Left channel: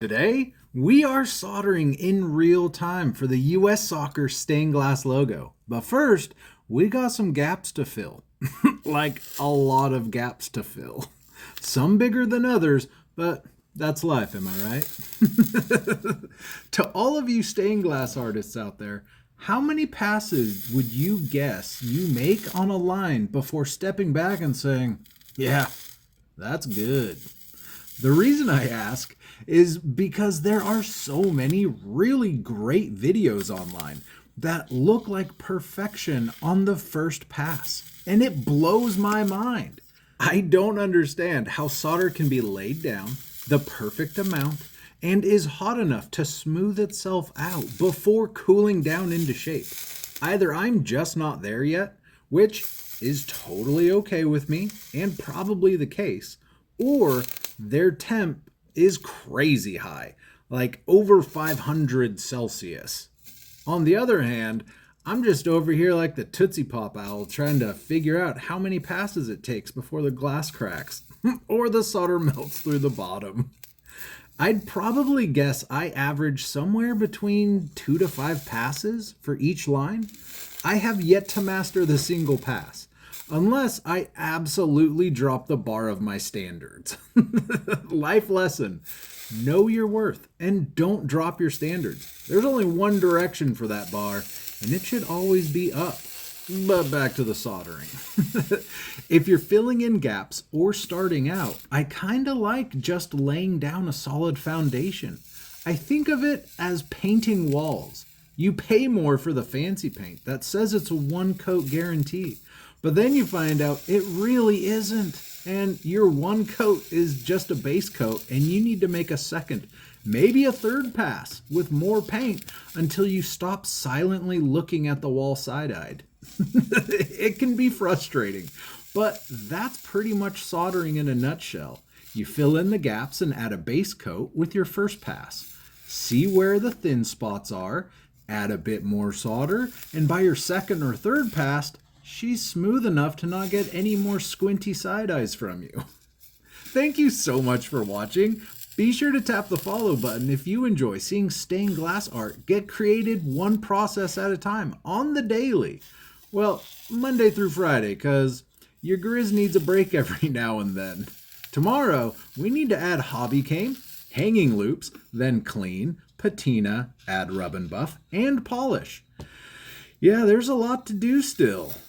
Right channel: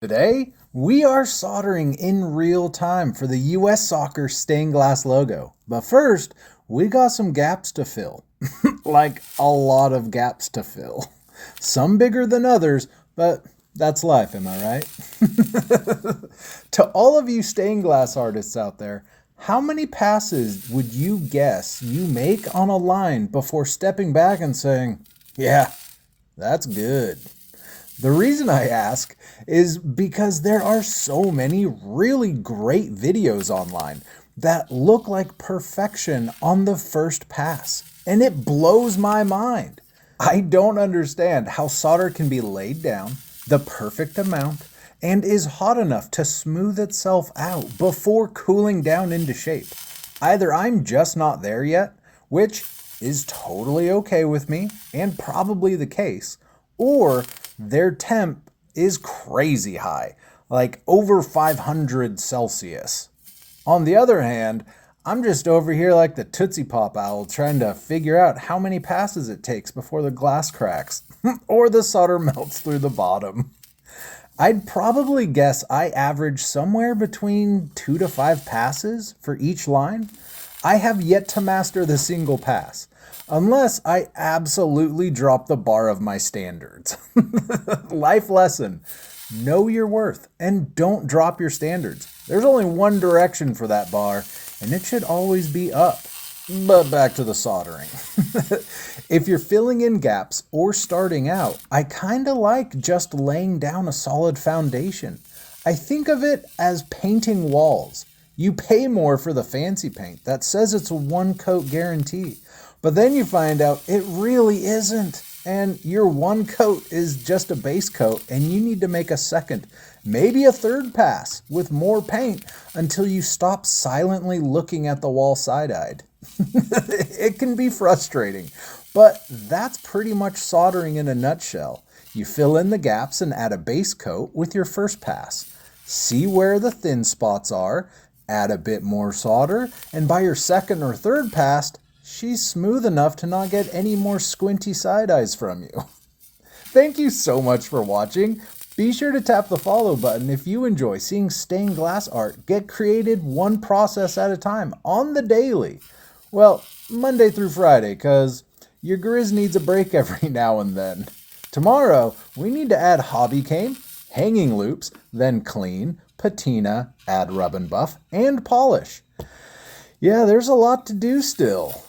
Today, we are soldering in real time for the US Soccer stained glass logo. But first, we got some gaps to fill. Like a lot of gaps to fill. Some bigger than others, but that's life, am I right? To all of you stained glass artists out there, how many passes would you guess you make on a line before stepping back and saying, yeah, that's good? The reason I ask is because there are so many really great videos online that look like perfection on the first pass, and it blows my mind. I don't understand how solder can be laid down the perfect amount and is hot enough to smooth itself out before cooling down into shape. Either I'm just not there yet, which is totally okay with me and probably the case, or their temp is crazy high, like over 500 Celsius. On the other hand, I'm just over here like the Tootsie Pop owl trying to figure out how many passes it takes before the glass cracks or the solder melts through the bottom. I'd probably guess I average somewhere between 2 to 5 passes for each line. I have yet to master the single pass, unless I absolutely drop the bar of my standards. Life lesson: know your worth and don't drop your standards. There's only one direction for that bar, and it should always be up. But back to the soldering. If you're filling in gaps or starting out, I kinda like just laying down a solid foundation. I think of it as painting walls. You pay more for the fancy paint that says it's a one coat guarantee, but then you find out it really isn't. And your one coat is just a base coat, and you need to make a second, maybe a third pass with more paint until you stop silently looking at the wall side-eyed. It can be frustrating, but that's pretty much soldering in a nutshell. You fill in the gaps and add a base coat with your first pass. See where the thin spots are, add a bit more solder, and by your second or third pass, she's smooth enough to not get any more squinty side eyes from you. Thank you so much for watching. Be sure to tap the follow button if you enjoy seeing stained glass art get created one process at a time on the daily. Well, Monday through Friday, because your Grizz needs a break every now and then. Tomorrow, we need to add hobby cane, hanging loops, then clean, patina, add rub and buff, and polish. Yeah, there's a lot to do still.